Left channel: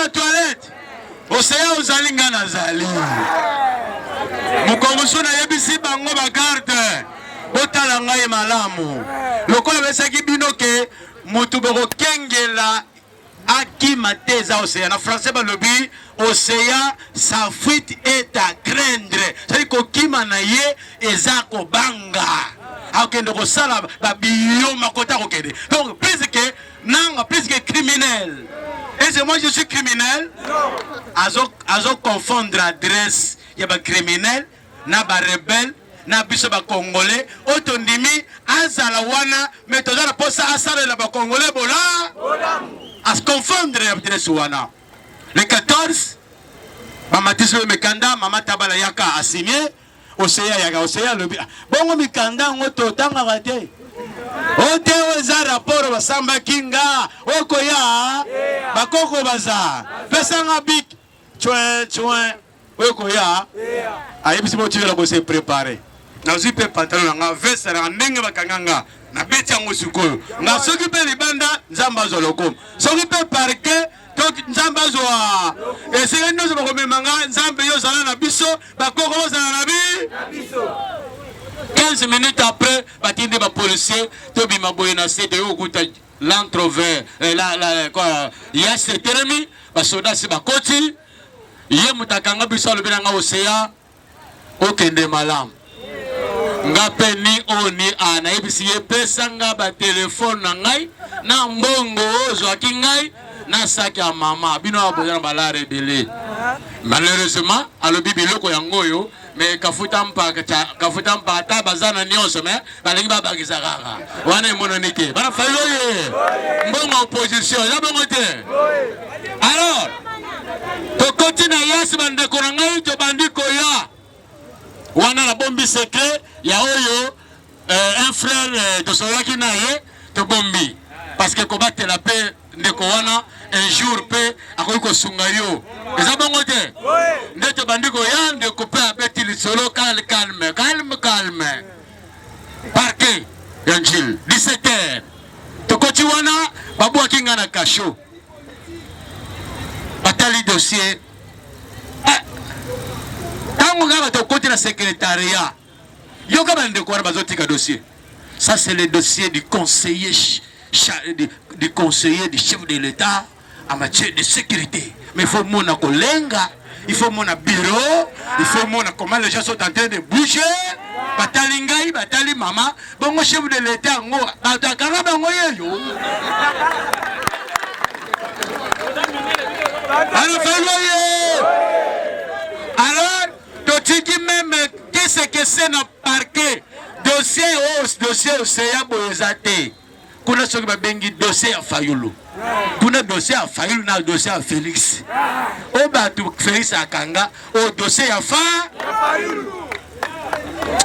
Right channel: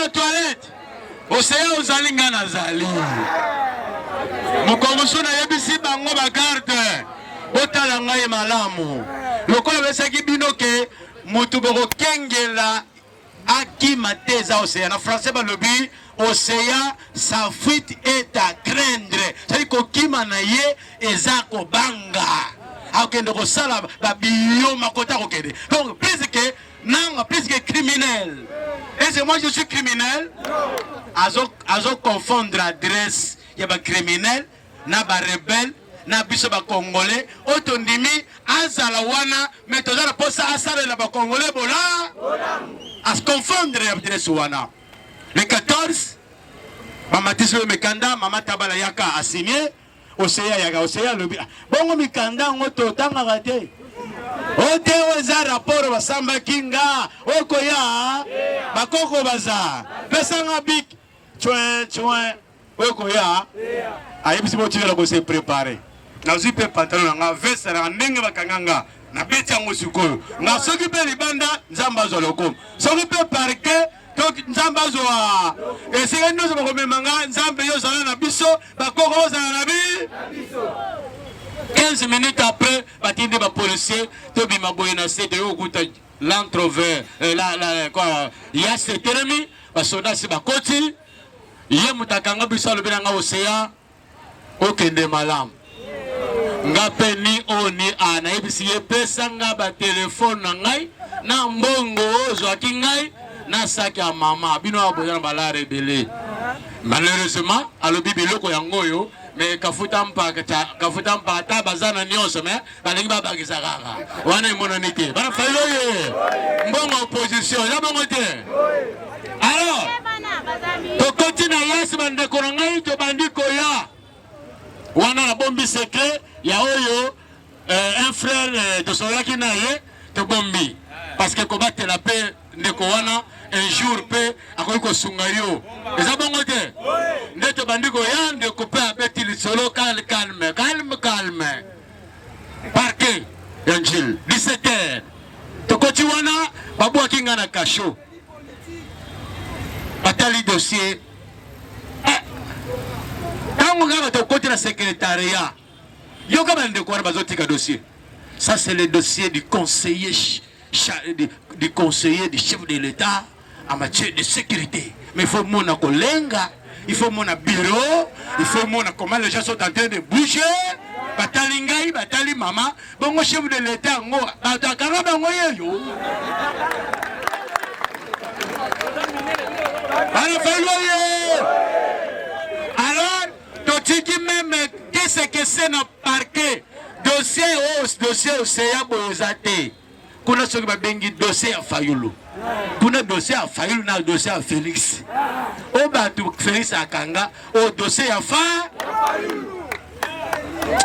na toilette. Océan ozalinga na zali. Mukongoso na yebisi bango ba garde. Botala ngai malamu. Lokola besaki bino ke mutu boko kengela akima teza Océan. Na français balobi Océan, sa fuite est à craindre. C'est-à-dire kokima na ye ezako banga. Akende ko sala ba biyo makota kokende. Donc plus que criminel. Et c'est moi je suis criminel? Non. Azo confondre adresse ya ba criminel na ba rebelle na biso ba congolais otondimi azala wana mais tozala posa asala la ba congolais bola as confondre adresse wana. Le 14 mama tiso mekanda mama tabala yaka a signé Océan yaka Océan le bongo mikanda ngoto tanga kate ote weza rapport basamba kinga okoya bakoko baza pesanga bik chouin okoya ayebisi motikela ko se préparer na zipe pantalon nga veste na ndenge bakanganga na beti yango sikoyo na soki pe libanda nzamba zoloko soki pe parquet donc nzamba zoa esika nyoso bakomemanga nzambe yo zala na biso bakoko zala na biso 15 minutes après, batinde ba policier, tobi maboyena c'est de okuta l'entrevers quoi ya c'est termi ba soda si ba koti ye mutakanga biso le benanga Océan okende malam ngape ni oni ana ebisi ye pesa nga ba téléphone na ngai na mbongo ozo akingai na saki ya mama bino aboyana bala rebele malheureusement alobi biloko yangoyo mais kafuta mpa ta bazana nyonso mais balingi babakisa kaka wana emonani ke bana failo ye mbongo opposition ya bongo te alors tokoti na yasi bandeko na ngai tobandi koya wana na bombi secret ya oyo un frère tosolaki na ye tobombi parce que kobatela pe ndeko wana un jour pe akoki sunga yo eza bongo te nde tobandi koya ndeko pe abeti lisolo calme parke ya njil 17h tokoti wana babwaki nga na kasho batali dossier ntango nga tokoti na secrétariat yoka bandeko wana bazotika dossier ça c'est le dossier du conseiller du chef de l'État en matière de sécurité. Mais il faut mon kolenga, il faut mon bureau, il faut mon comment les gens sont en train de bouger. Batali ngai, batali mama, bongo chef de l'État ngo, batakanga bango yeyo. Alors, totiki même qu'est-ce que c'est na parquet dossier Océan boyozate. Kuna soki babengi dossier ya Fayulu. Kuna dossier ya Fayulu na dossier ya Félix. O batu Félix akanga o dossier ya Fayulu.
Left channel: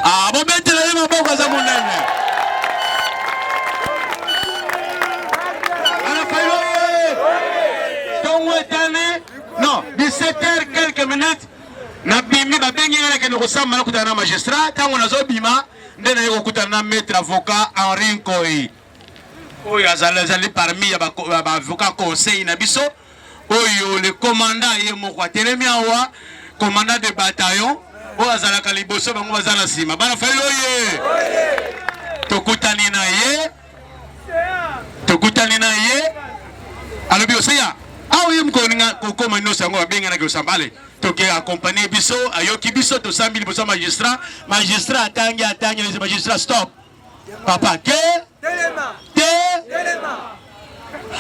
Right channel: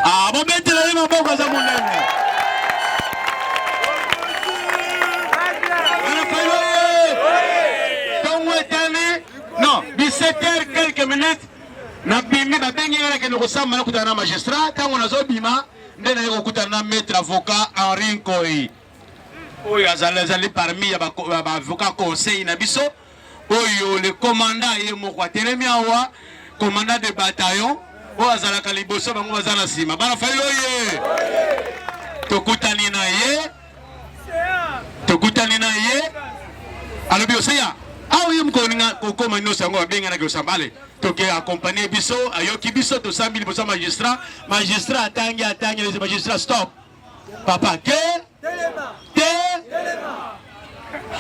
Ah, bo betela le maboko za munene. Ana Fayulu. Tongo etane. Non, 17h quelques minutes. Na bimi babengi na ke no samba na kutana magistrat tango nazo bima ndena yeko kutana maître avocat Henri Nkoi. Oyo azali parmi ya ba avocat conseil na biso oyo le commandant ye moko atelemi awa commandant de bataillon oyo azalaka liboso bango bazala sima bana failo ye tokutani na ye alobi Océan awo mkoninga kokoma nyonso yango babenga na kosambale toke accompagner biso ayoki biso to 100 000 pour magistrat atangi les magistrats stop papa telema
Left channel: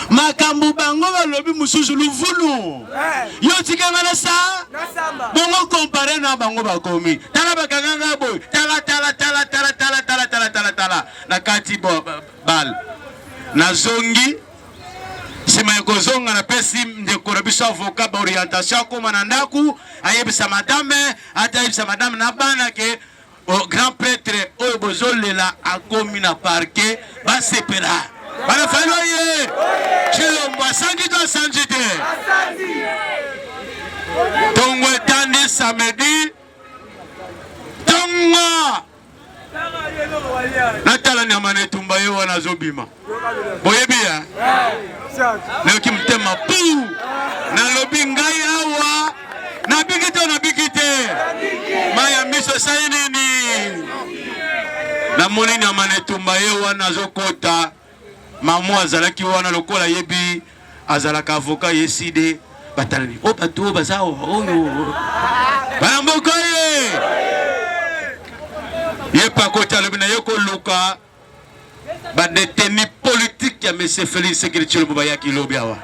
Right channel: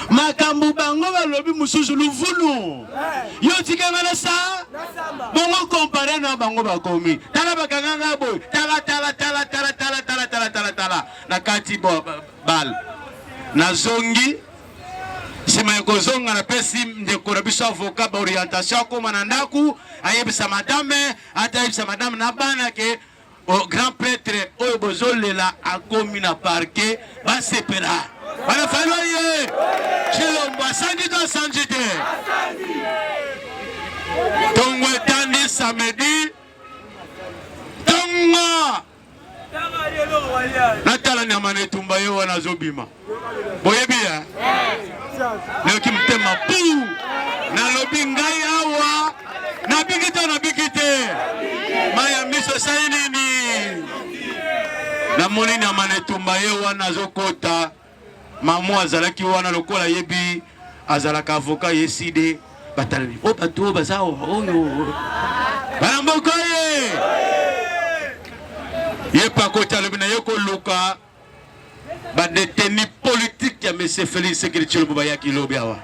makambu bango balobi mususu luvulu yo tikanga na sa bongo comparer na bango bakomi tala bakanga boy tala na kati bal na zongi sima kozonga na pesi ndeko na biso avocat ba orientation koma na ndaku ayebisa madame atayebisa madame na bana ke au grand prêtre oyo bozolela akomi na parquet basepela bana falo ye chilombo asandi to asandi te tongo etandi samedi tongo natala Eza nyama netumba yo wana zobima. Boyebi ya? Leoki mtema pou. Na lobi ngai awa. Na bikite. Maya miso sayi nini. Na moni nyama netumba yo wana zokota. Mamu azalaki wana lokola yebi. Azalaka avocat yeside. Batalani. O bato bazao. Oyo. Banambokoye. Yepa kota lebina yoko luka. Ba détenu politique ya monsieur Félix Sekeli Tshilombo bayaki lobi awa.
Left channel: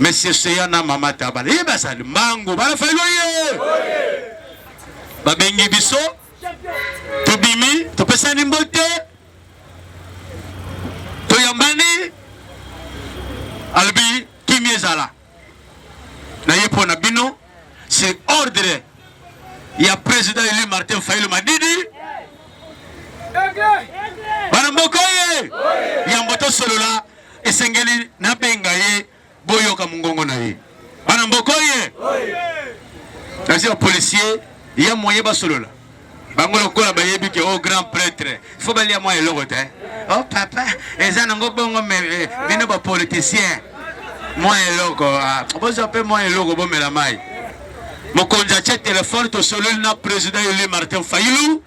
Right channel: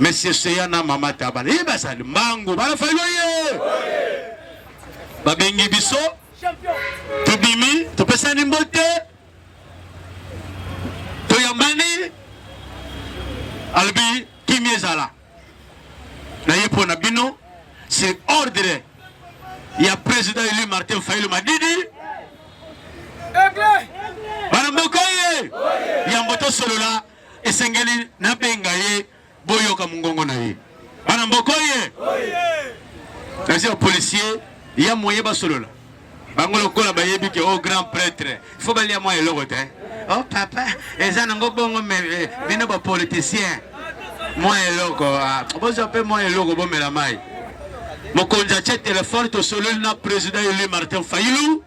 Monsieur Seyana Mama Tabala. Yeba sali mango bala faylo ye. Ba bengi biso. Tobimi, topesani mbote. Toyambani. Albi Kimiezala. Na yepo na bino. C'est ordre. Il y a président élu Martin Fayulu Madidi. Banambokoye. Yamboto solola. Esengeli na bengaye. Boyoka mungongo na ye. Banambokoye. Kasi au policier. Il y a moyen ba solola. Bangolo kola bayebi ke au grand prêtre. Il faut balia moi eloko te. Oh papa. Ezana ngobongo me bino ba politicien. Moi eloko. Bozo pe moi eloko bo mela mai. Mokonja tche téléphone to solo na président élu Martin Fayulu.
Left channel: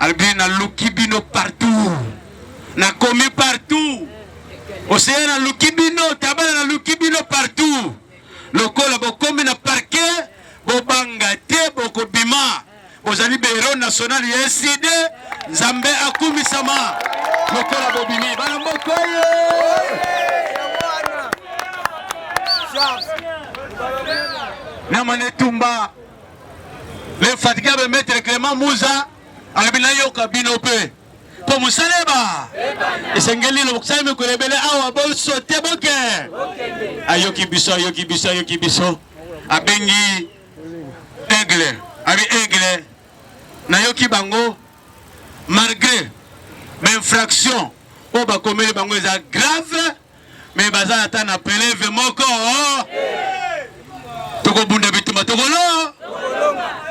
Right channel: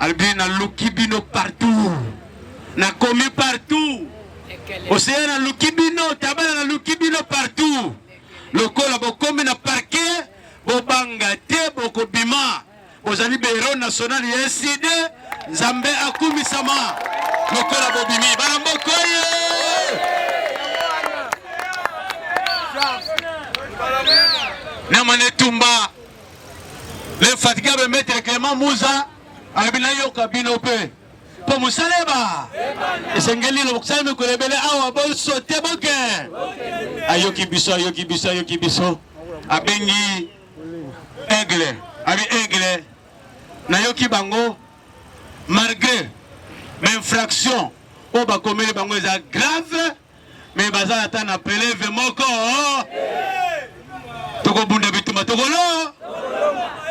Albina Lukibino partout. Na komi partout. Océana Lukibino, tabana Lukibino partout. Lokola bokomi na parquet, bobangate, bokobima. Ozali Bureau national SID, Zambé Akumi Sama. Lokola bobimi, balambokoye. Namane Tumba. L'infatigable maître Clément Mouza. Abina yoka binope po musaleba esengeli lo kusame kulebele awa bo sote boke ayoki biso abengi aigle na yoki bango malgré l'infraction o ba komeli bango eza grave mais baza ata na peleve moko toko bunda bituma tokolo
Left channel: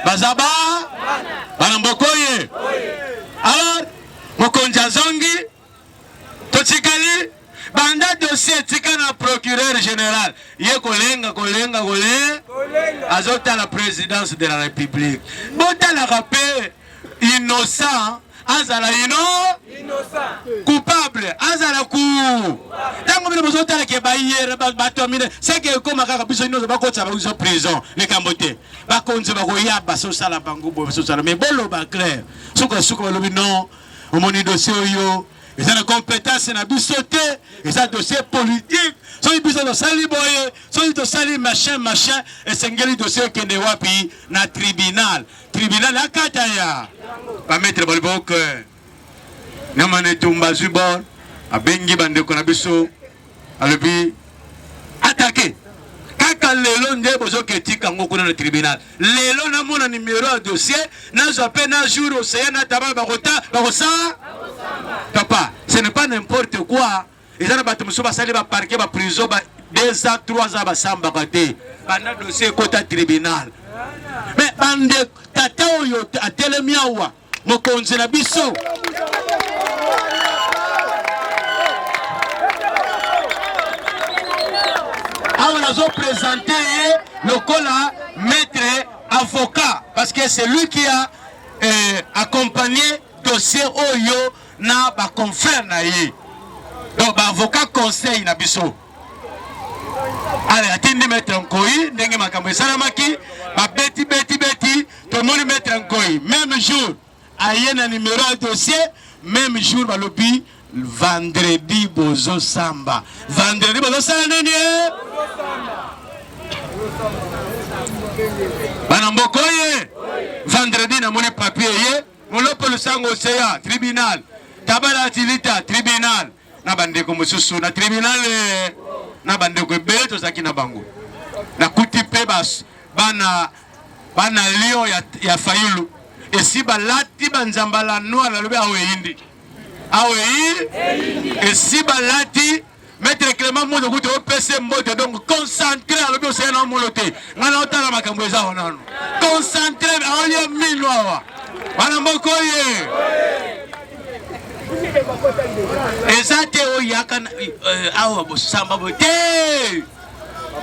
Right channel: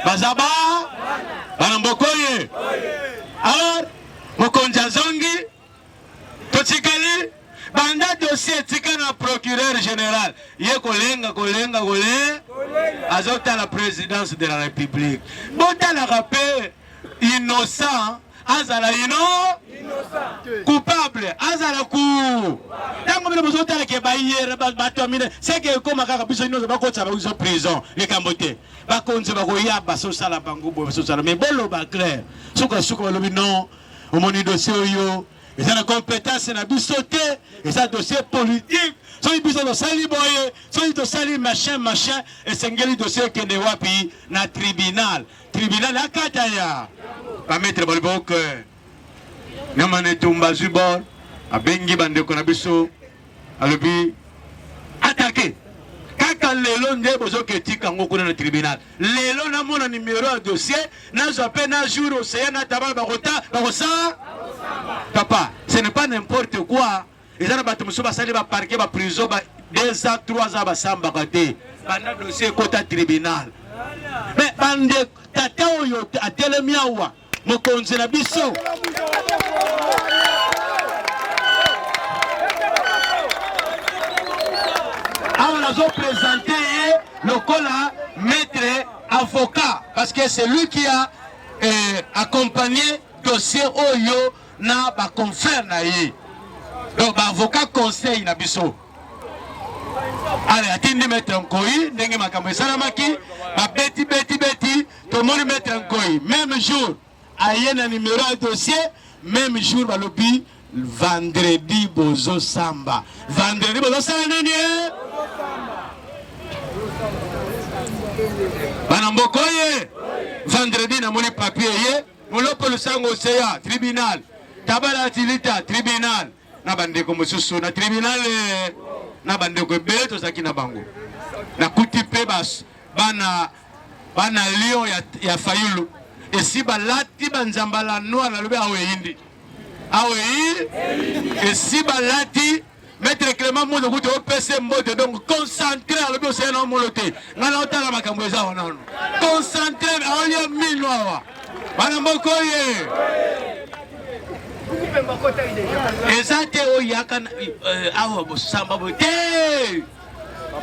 bazaba Banambokoye. Alors, Mokonja Zongi, Tochikali, Banda dossier tika na procureur général. Ye kolenga. Azota la présidence de la République. Bota la rapé innocent. Azala innocent. Coupable. Azala coup. Tango mine bozota la ke bayer bato mine. C'est que comme kaka biso inozo bakota ba uzo prison le Kambote. Bakonze bakoya baso sala bango bo baso sala mais bolo ba clair. Suko lobi non. Au moni dossier yo. Ils ont la compétence na bisoté. Ils ont dossier politique. So ils biso sali boye. So ils sali machin. Et sengeli dossier kende wapi na tribunal. Tribunal akataya. Ba mettre bolbok. Namane tumba zubor. Abengi bande kona biso. Alobi attaqué. Kaka lelo nde bozo ketika ngoko na tribunal. Lelo na mona numéro de dossier. Na zope na jour au na tabal bakosa. Papa, ce n'est pas n'importe quoi. Ils ont battu Moussa Sali va parquer va prison 2 ans 3 ans va samba côté. Bana dossier côté tribunal. Mais bande tata oyo a telemiawa mokonzi na biso. On a présenté le cola maître avocat parce que c'est lui qui a accompagné dossier oyo na ba confrère na ye. Donc ba avocat conseil na biso. Allez, atindi maître Nkoyi ndenge makambo esalamaki ba beti to moni maître Nkoyi même jour aye na numéro de dossier même jour ba lobi vendredi bozo samba. Vendredi bozo sala nini? Banambokoye. Vendredi na moni papier ye. Molopo le sango seya tribunal. Tabala tilita tribunal. Na bandeko mususu na tribunal na bandeko beto sakina bango. Na kutipe bas bana lio ya Fayulu. Esi balati banzambala noa na lobe awe hindi. Awe hindi. Esi balati Maître Clément Mouzo kuto OPC mbote donc concentré à lobe seya na molote. Ngana otala makambo eza onano. Concentré aoye minwa wa. Banambokoye. Ezate oyaka awa bosamba bote.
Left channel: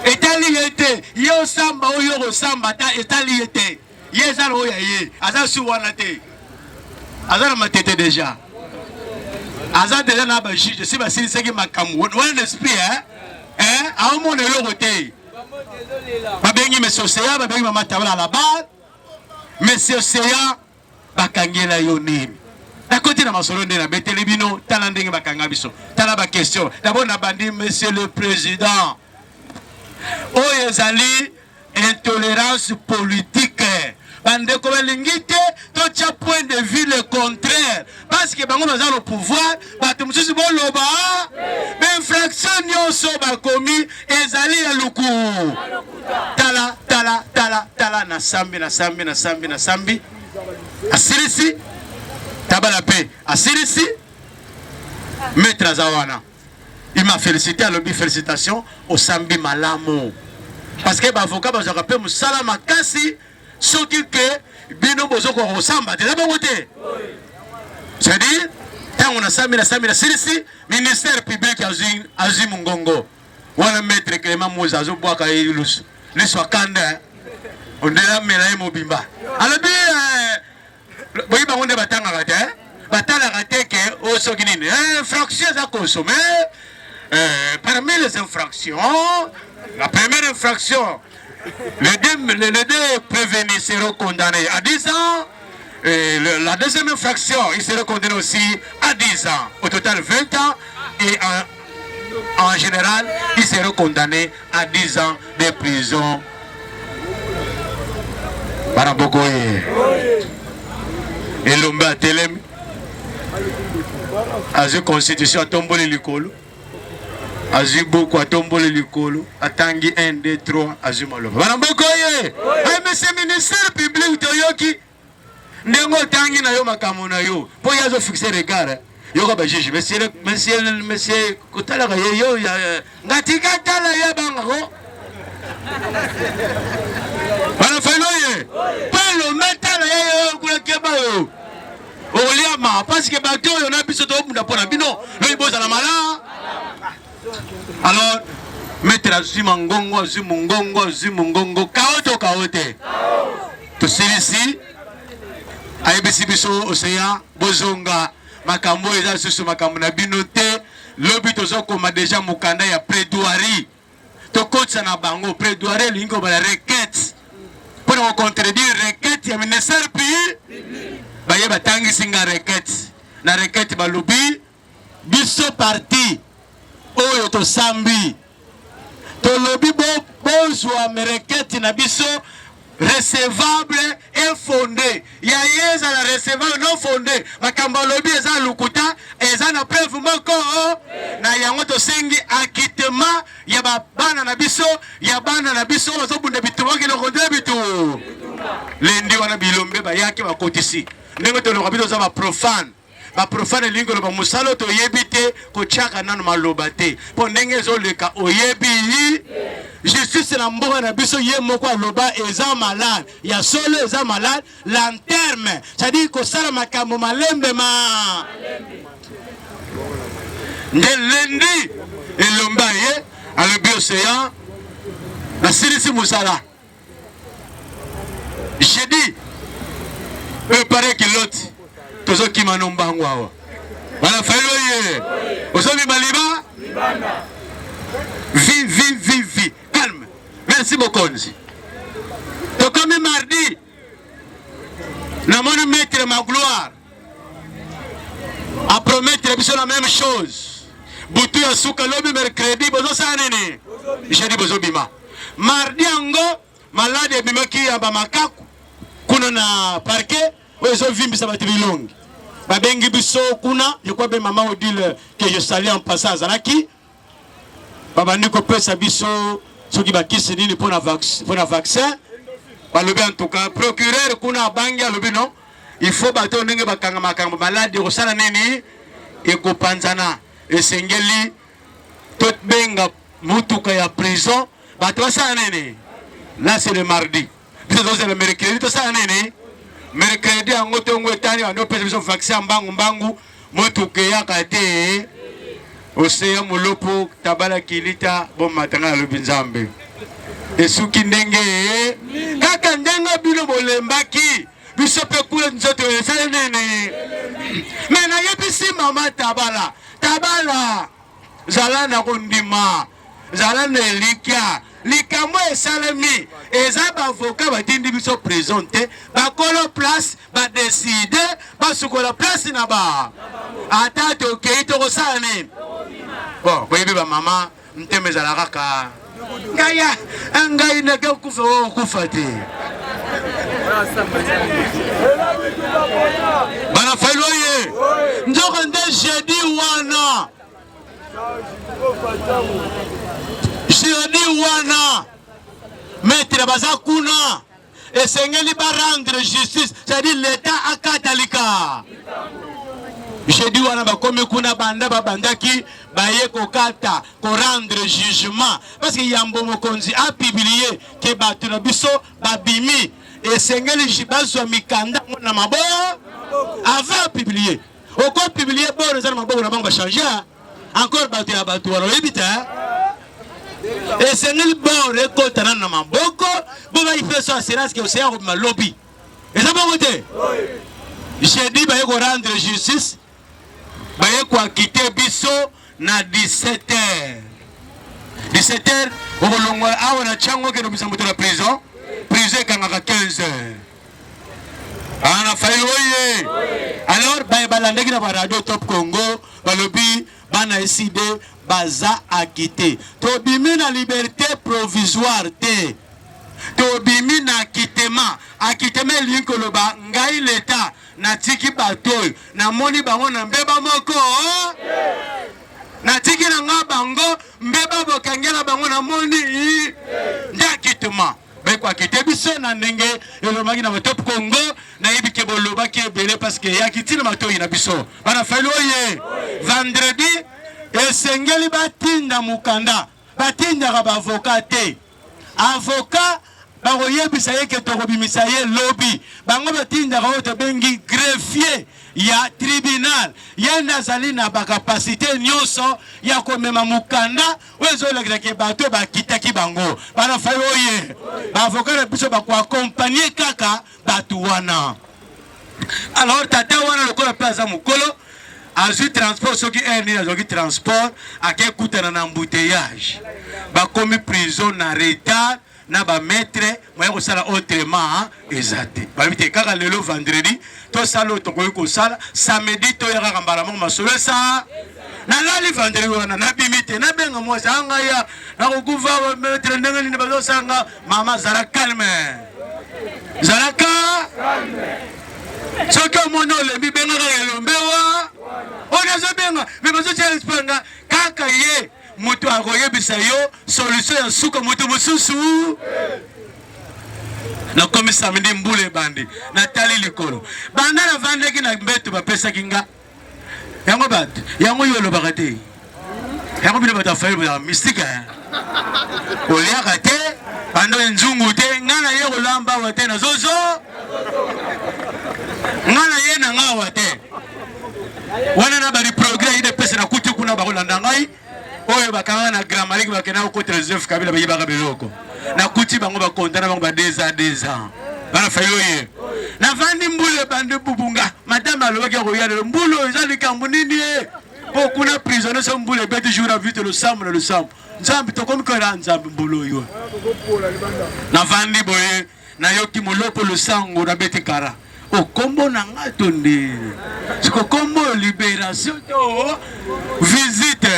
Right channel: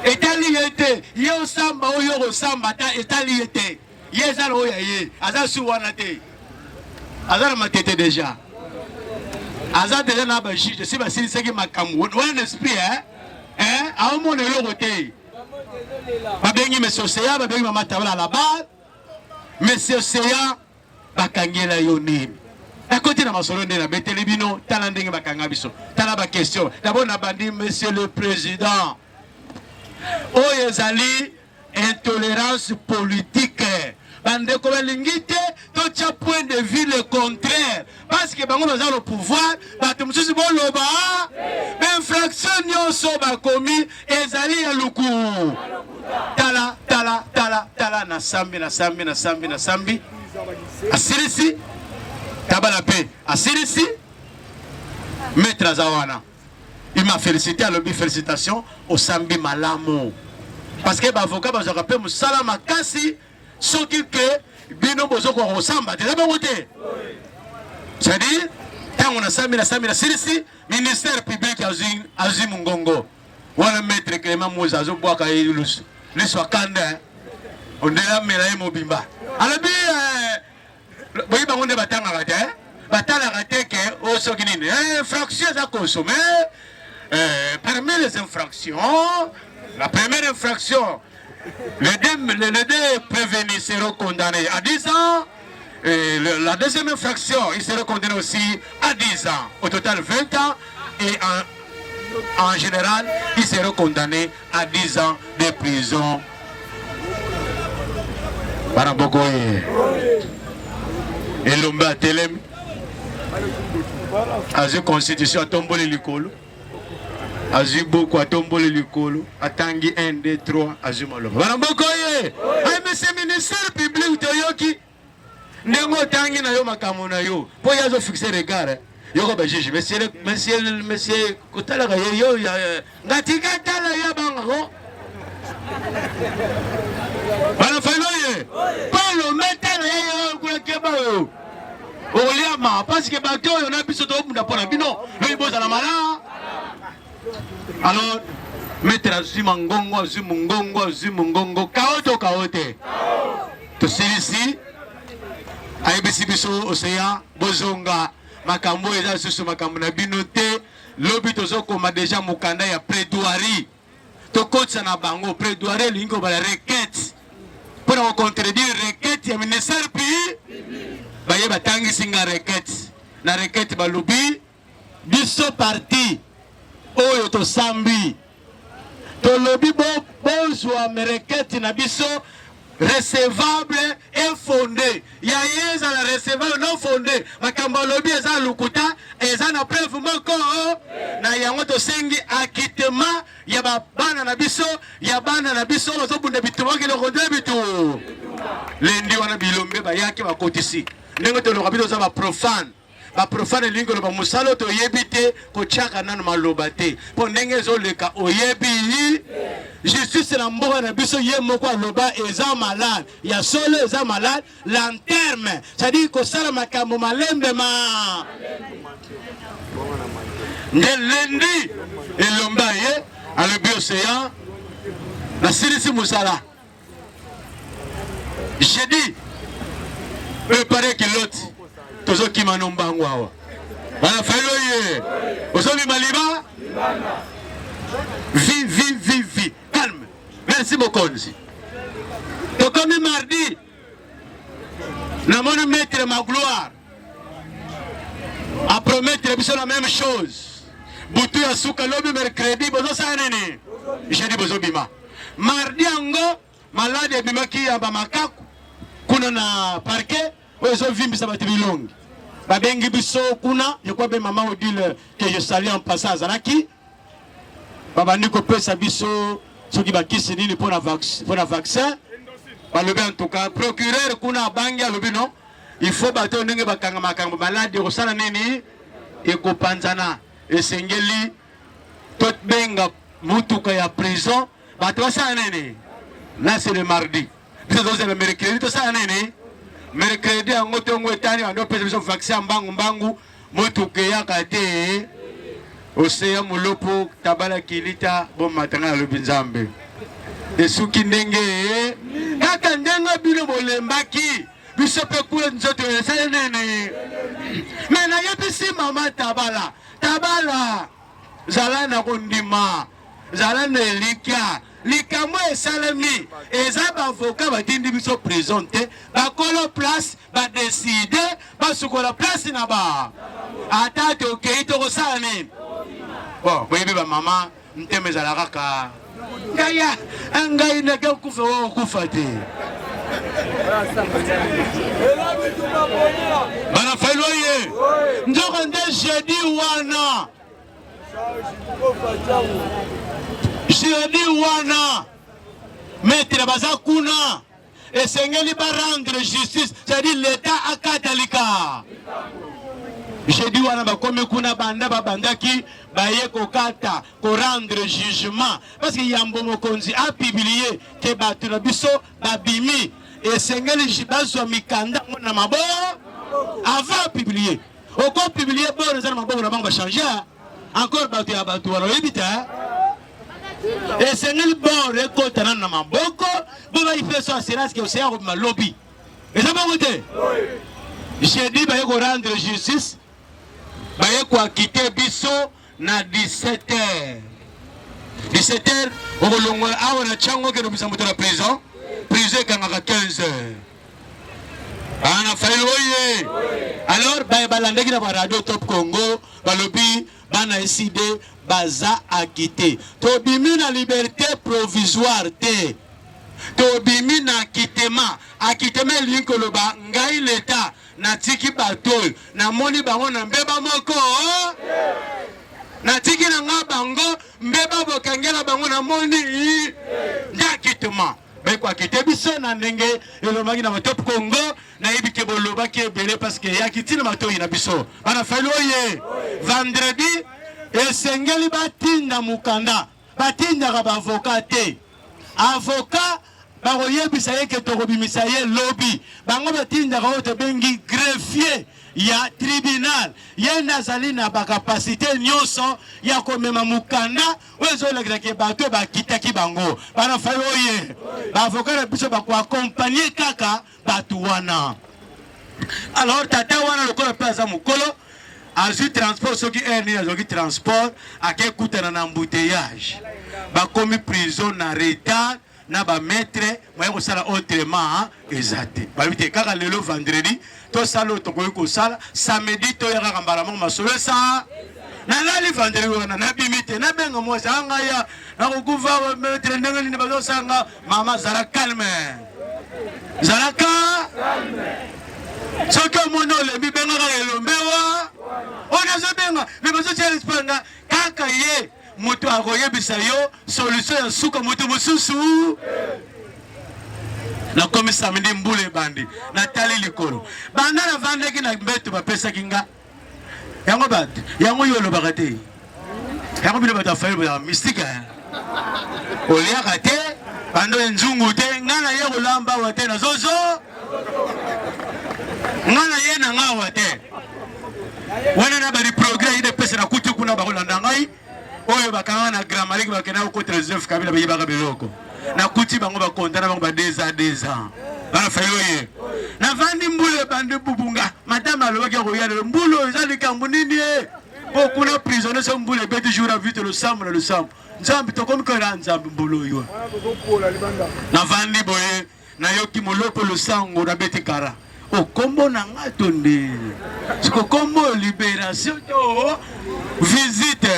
Etali yete yo samba oyo samba ta etali yete. Yezalo oya ye. Aza suwana te. Aza matete déjà. Aza déjà na ba juge si ba sili seki makamu. Wana esprit a mon le côté. Ba bengi monsieur Seya ba bengi mama tabala là-bas. Monsieur Seya bakangela yo nini. À côté de ma solo de la Betelebino, talanding bakangabiso. Talaba question. D'abord, n'a bandi, monsieur le président. Oyezali, intolérance politique. Bande comme l'ingité, tout un point de vue le contraire. Parce que bango dans le pouvoir, batum sisi bon loba, infraction nyonso ba commis, ezali ya luku. Tala, na sambi. Asirisi. Tabala paix. Asirisi, maître Azawana. Il m'a félicité, à l'objet félicitations au Sambi Malamo. Parce que l'avocat va se rappeler, Moussalama Kassi, ce qui que Bino Bozoko ressemble. Tu as bien voté? C'est-à-dire, quand on a Sambi, la Sirisi, ministère public Azim Mungongo. On a maître Clément Mouzazo Boaka et Yulus. Les Swakanda, on est là, mais là, il m'a alors, oui, on est battant à rater. Battant à rater que au Soginine, infraction à consommer. Parmi les infractions, la première infraction, les deux prévenus seront condamnés à 10 ans. La deuxième infraction, ils seront condamnés aussi à 10 ans. Au total, 20 ans. Et en général, ils seront condamnés à 10 ans de prison. Barabogoye. Et l'homme a télém. A la constitution a tombé le licolo. A beaucoup a tombé le licolo. A tangi 1, 2, 3. A Zumaloba. Barabogoye. Monsieur le ministère public de Yoki. Nengo tangi na yo makamona yo. Pour y a fixé regard. Yoko ba juge. Monsieur, kotala ga yo ya. Ngatika tala ya bango. Bana faloye. Palo metala yo kwa keba yo. Oliama parce que bato on a biso to munda pona bino. Le boza na mala. Alors mettre Zimangongo kaote. To ici ABC biso océan bozonga makambo eza susu makambo na bino te. Lobi tozoko ma déjà mukanda ya plaidoirie. To coach na bango plaidoirie lingo ba la requête. Pour contredire requête ya ministère public. Baye batangi singa requête. Na requête ba lobi biso parti oyo to sambi. To lobi bozwa requête na biso recevable et fondé. Ya yeza la recevable non fondé. Makamba lobi eza lukuta eza na preuve moko na yango to sengi acquittement ya bana na biso ya bana na biso bazo bunda bitu wake lo konde bitu. Lendi wana bilombe ba yake bakotisi. Ndenge to lo kabito za ba profane lingo lo ba musalo to yebite ko chaka nanu maloba te. Po ndenge zo leka oyebi justice na mboka na biso ye moko aloba eza malade ya solo eza malade lanterne c'est-à-dire ko sala makambo malembe ma ndendi elomba ye alobi océan la silisi musala j'ai dit préparer que l'autre tozo kimano mbango awa bana felo ye ozomi maliba vie calme. Merci beaucoup. Donc comme mardi, nous avons mettre ma gloire à promettre la même chose. Boutou ya souka lobi mercredi bozo sanene. Jeudi bozo bima. Mardi ango malade bima ki amba makaku. Kuna na parquet ozo vimbi sa batibilongi. Babengi biso kuna yekwa be mama odile que je salue en passant Zanaki. Baba Niko pesa biso soki bakisi nini pour la vaccin. Balobi en tout cas procureur kuna bangi alobi non. Il faut bato ndenge bakanga makambo malade ko sala nini eko panzana esengeli tot benga mutuka ya prison bato sala nini. Là c'est le mardi. C'est le mercredi to sala nini. Mercredi ango tongo etani ando pesa biso vaccin mbangu motuke yaka te oseya molopo tabala kilita bo matanga na lobi nzambe esuki ndenge kaka ndenge bino bolembaki biso pe kule nzoto esale nene me nayebisi mama tabala zala na kondima zala na elikya likambo esalemi eza bavoka batindi biso prison te bakolo place badeside basukola place na ba ata tokei tokosala nini bon boyebi bamama nteme ezala kaka ngai nake okufa okufa te bana failo ye nzoko nde jeudi wana maître baza kuna esengeli ba rendre justice, c'est-à-dire l'état akatalika. Jeudi wana bakomi kuna banda babandaki baye kokata ko rendre jugement parce que yambo mokonzi a publié que batu na biso babimi esengeli jibazwa mikanda na mabo avant publier oko publier bon za mabo na bango changer encore batu ya batu wana ebita esengeli bon rekota na maboko bo ba ife so assurance que oseya ko malobi eza bon côté jeudi baye ko rendre justice baye ko quitter biso na 17h. 17h, on va l'ongwa awa na chango ke no bisa moto na prison. Prison kangaka 15h. Ana fayoye. Alors baye balandeki na radio Top Congo, balobi bana eside baza akité. To bimi na liberté provisoire te. To bimi na akitement. Akitement linkoloba ngai l'état na tiki batoy na moni bango na mbeba moko. Na tiki na nga bango mbeba bokangela bango na moni ndakituma bekwa kitebiso na ndenge elomaki na Top Congo na ibike boloba ke bele parce que yakiti na matoyi na biso bana faloye vendredi esengeli batinda mukanda batinda ka ba avocat te avocat bakoyebisa ye ke tokobimisa ye lobi bango batinda ka oto bengi greffier ya tribunal yenda zali na bakapasite nyonso ya komema mukanda wezo la ke bato bakitaki bango bana fayoye avocat na biso bako accompagner kaka batu wana. Alors tata wana lokola plaza mukolo azui transport soki erni azoki transport akekutana na embouteillage bakomi prison na retard na ba maître moya ko sala autrement ezate babite kaka lelo vendredi to sala to ko sala samedi to ya kaka mbala mo masolo sa na lali vendredi wana na bimite na benga mo sanga ya na ko kuva maître ndenge ni bazo sanga mama zara calme soki omono lebi benga kaka elombewa ona zo benga me bazo chele spanga kaka ye mutu akoyebisa yo solution ya suka mutu mususu na komi samedi mbule bandi na tali likolo banda na vandeki na mbeto bapesa kinga yango bat yango yolo bakate yango bino batafayo ya mystique oliaka te bando nzungu te ngana ye kolamba wate na zozo ngana ye na ngawa te wana na bari progrès ide pesa na kuti kuna bakolanda ngai oyo bakanga na grammaire bakena ko Joseph Kabila bayibaka beloko na kuti bango bakontana bango ba 2 ans bana fayoye na vandi mbule bande bubunga madame alobaki ko yale mbulo ezali kambu nini po kuna prisonnier so mbule bete jour à vite le sambre nzambi to comme que nzambi mbulo yo na vandi boye na yoki molopo le sango na bete kara o kombo na ngato ndi siko kombo libération to visite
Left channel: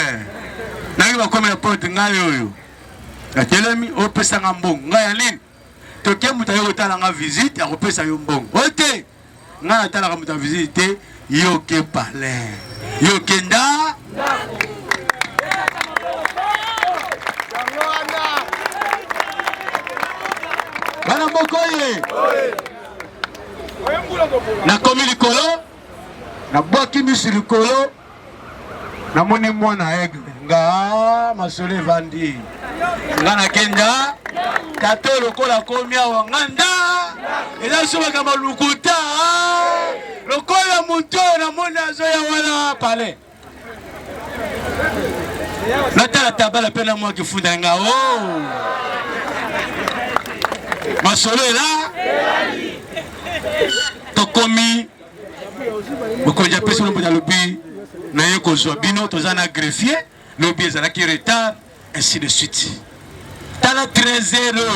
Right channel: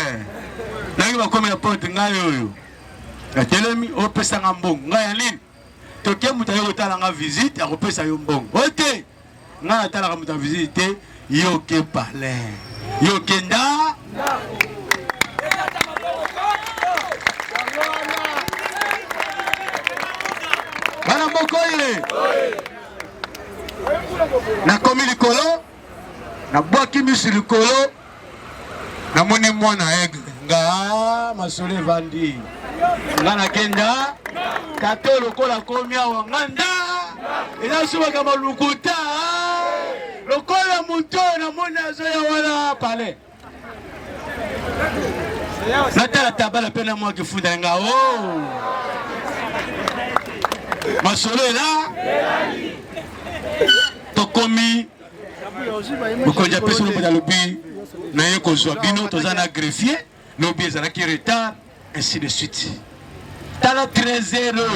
na ngi bakome na porte ngayo yo atelemi opesa nga mbongo ngaya nini toke muta yo tala nga visite akopesa yo mbongo ote nga tala ka muta visite yo ke pale yo kenda bana mokoye na komi likolo na bwaki misi likolo na moni mwana aigle nga masole vandi nga na kenda kato lokola komi awa nganda ela suba kama lukuta lokola muto na mona bazoya wana pale natala tabala pena mwa kifunda nga o masolo ela tokomi mokonzi apesi lomboda lobi naye kozwa bino toza na greffier lobi ezalaki retard ainsi de suite tala 13 heures